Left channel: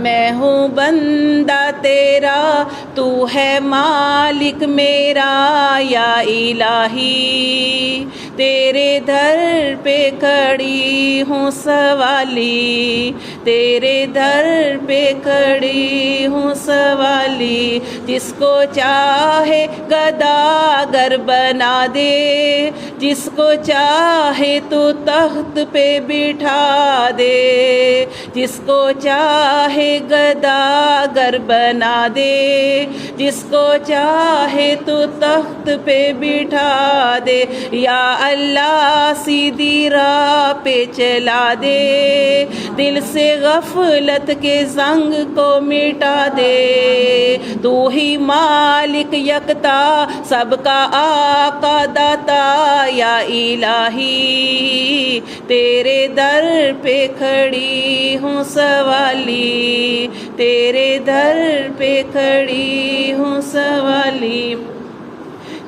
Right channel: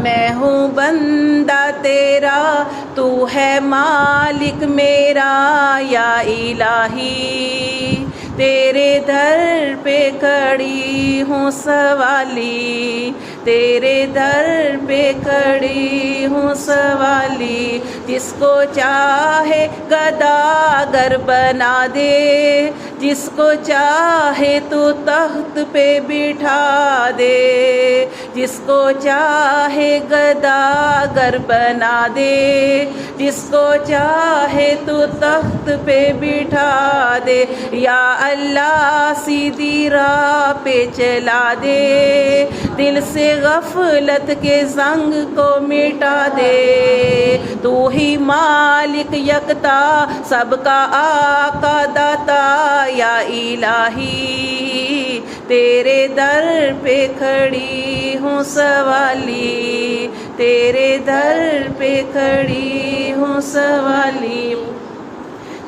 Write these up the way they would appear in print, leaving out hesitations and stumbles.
میں ہوں بندہ تیرا تو ہے مالک میرا یا الہی تیرے در پہ کھڑی ہوں سوالی تیرے در پہ کھڑی ہوں سوالی جس کو چاہے گداگر بنا دے جس کو چاہے تو تخت پہ بٹھا دے جس کو چاہے گداگر بنا دے جس کو چاہے تو تخت پہ بٹھا دے یا اللہ سیدھی راہ پہ چلا دے دل سے غفلت کے زنگ کو مٹا دے تو ہی مالک یکتا سب کا آقا داتا یا الہی تیرے در پہ کھڑی ہوں سوالی تیرے در پہ کھڑی ہوں سوالی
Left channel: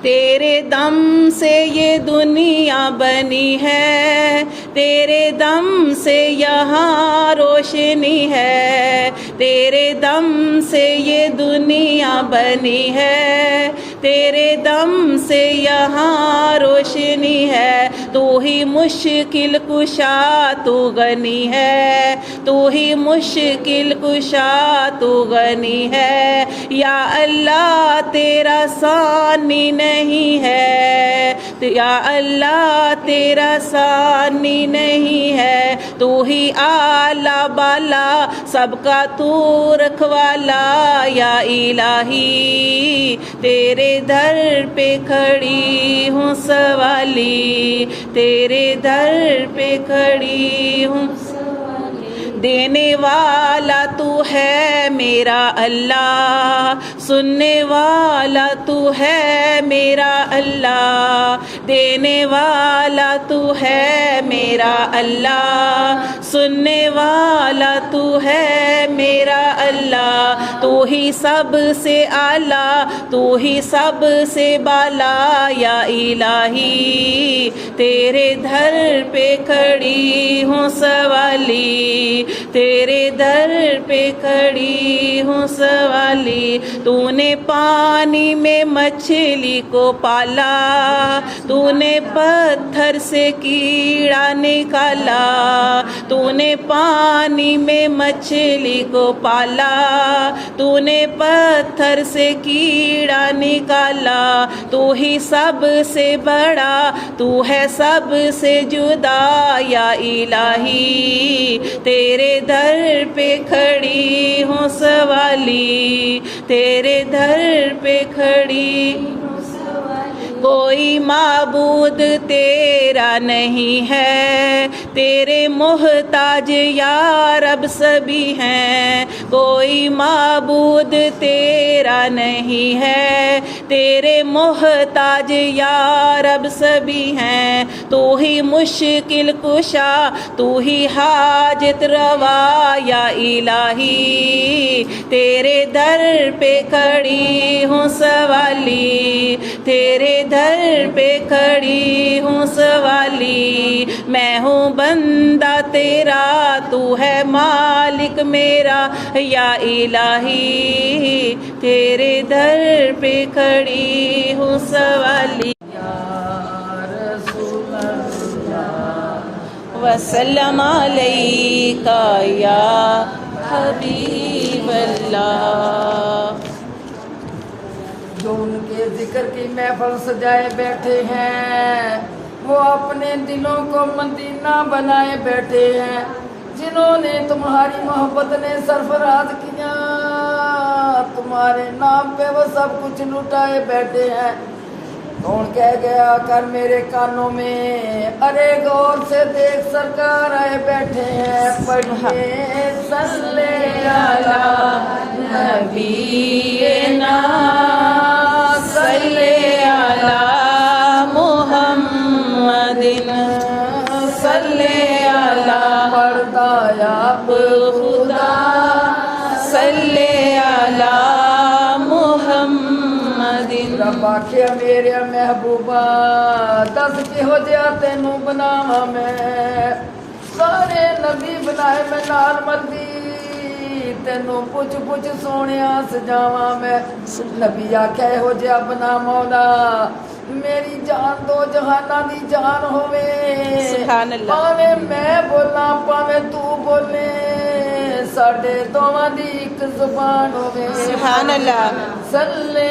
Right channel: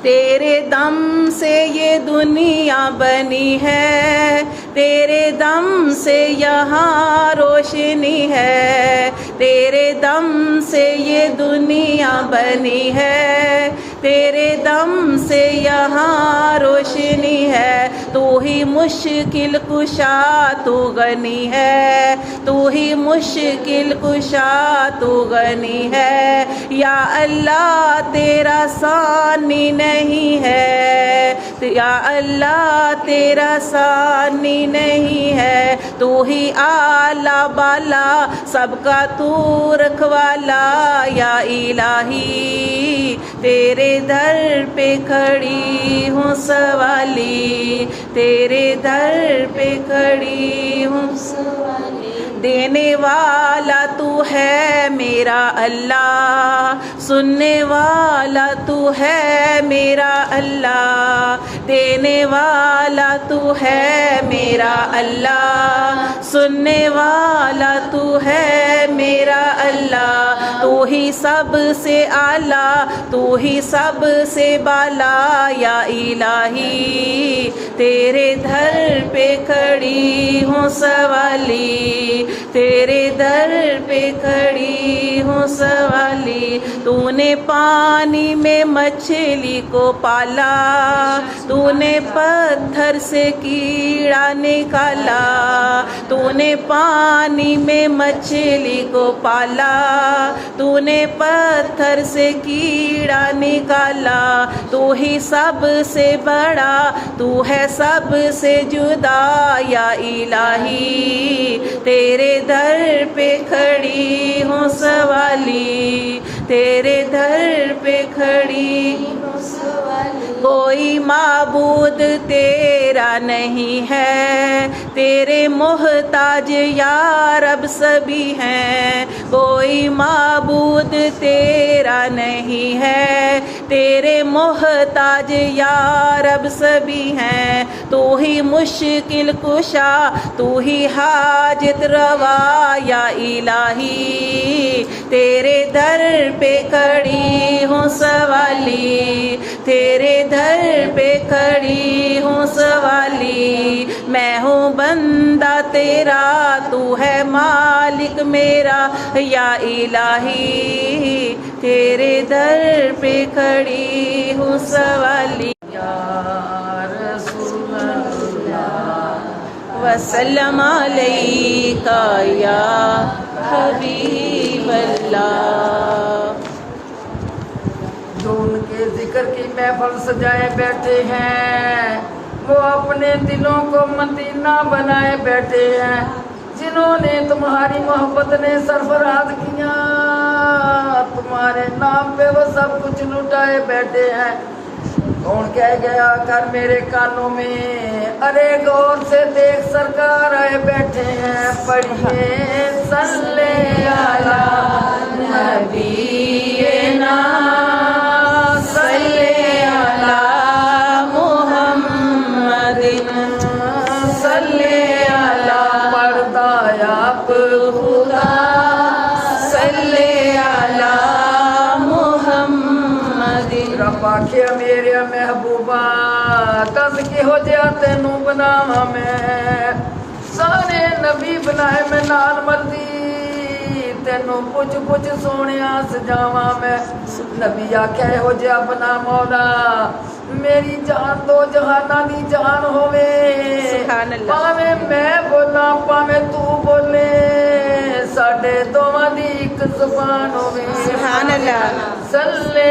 تیرے دم سے یہ دنیا بنی ہے تیرے دم سے یہاں روشنی ہے تیرے دم سے یہ دنیا بنی ہے تیرے دم سے یہاں روشنی ہے تو ہی مشکل کشا تو غنی ہے تو ہی مشکل کشا تو غنی ہے یا اللہ تیرا ثانی نہیں ہے یا اللہ تیرا ثانی نہیں ہے تو ہی اعلیٰ بالا سب کا تو رکھوالا یا الہی تیرے در پہ کھڑی ہوں سوالی تیرے در پہ کھڑی ہوں دینے والا تو ہے میرا اللہ سننے والا تو ہے میرا اللہ دینے والا تو ہے میرا اللہ سننے والا تو ہے میرا اللہ تو ہی سب سے اعلیٰ تو ہی سب سے بالا یا الہی تیرے در پہ کھڑی ہوں سوالی تیرے در پہ کھڑی ہوں سوالی تو نے پانی میں مچھلی کو پالا تو نے پتھر سے کیڑا نکالا تو نے پانی میں مچھلی کو پالا تو نے پتھر سے کیڑا نکالا تو ہی سب سے بڑا تو ہے سب سے جدا یا الہی تیرے در پہ کھڑی ہوں سوالی تیرے در پہ کھڑی کوئی معبود تیرا نہیں ہے تیرے محتاج یا رب سبھی ہیں کوئی معبود تیرا نہیں ہے تیرے محتاج یا رب سبھی ہیں تو ہی مشکل کشا تو ہی حاجت روا یا الہی تیرے در پہ کھڑی ہوں سوالی تیرے در پہ کھڑی ہوں سوالی میں ہوں بندہ تیرا تو ہے مالک میرا یا الہی تیرے در پہ کھڑی ہوں سوالی یا رسول اللہ وسلم علیکہ یا حبیب اللہ جو ان کے ذکر کی محفل سجائے بیٹھے ہیں وہ اپنے دلوں کو مدینہ بنائے بیٹھے ہیں جنہوں نے تمہاری محبت نے سرفراز کیا تمہارے نام پہ وہ سب کچھ لٹائے بیٹھے ہیں کون کہہ گیا کر میرے کانوں میں ارے غور سے دیکھ سرکار آئے بیٹھے ہیں پڑھیے صلی علی نبینا صلی علی محمد صلی علی مردایاب خدا صلی علی محمد رب آخیا میرے محبوبہ دس کہو جہا تینوں بناواں میں سارے نبی بنائے میں نال مردی ਤੈਨੂੰ ਪੁੱਛ ਪੁੱਛ ਸੋਹਣਿਆ ਸਜਾਵਾਂ ਮੈਂ ਨਬੀ ਆਖਿਆ ਇਹੋ ਜਿਹਾ ਬਣਾ ਮੌਲਾ ਮੇਰੀ ਜਾਨ ਦੋ ਜਹਾਨਾਂ ਦੀ ਜਾਨ ਹੋਵੇ ਸੁਭਾਨ ਅੱਲਾਹ। ਭਾਵੇਂ ਮੈਂ ਬੋਲਾਂ ਭਾਵੇਂ ਤੂੰ ਬੋਲੇ ਸਾਡੇ ਦੋਵਾਂ ਦੀ ਇੱਕ ਜ਼ੁਬਾਨ ਹੋਵੇ ਸੁਭਾਨ ਅੱਲਾਹ। ਸੱਲੇ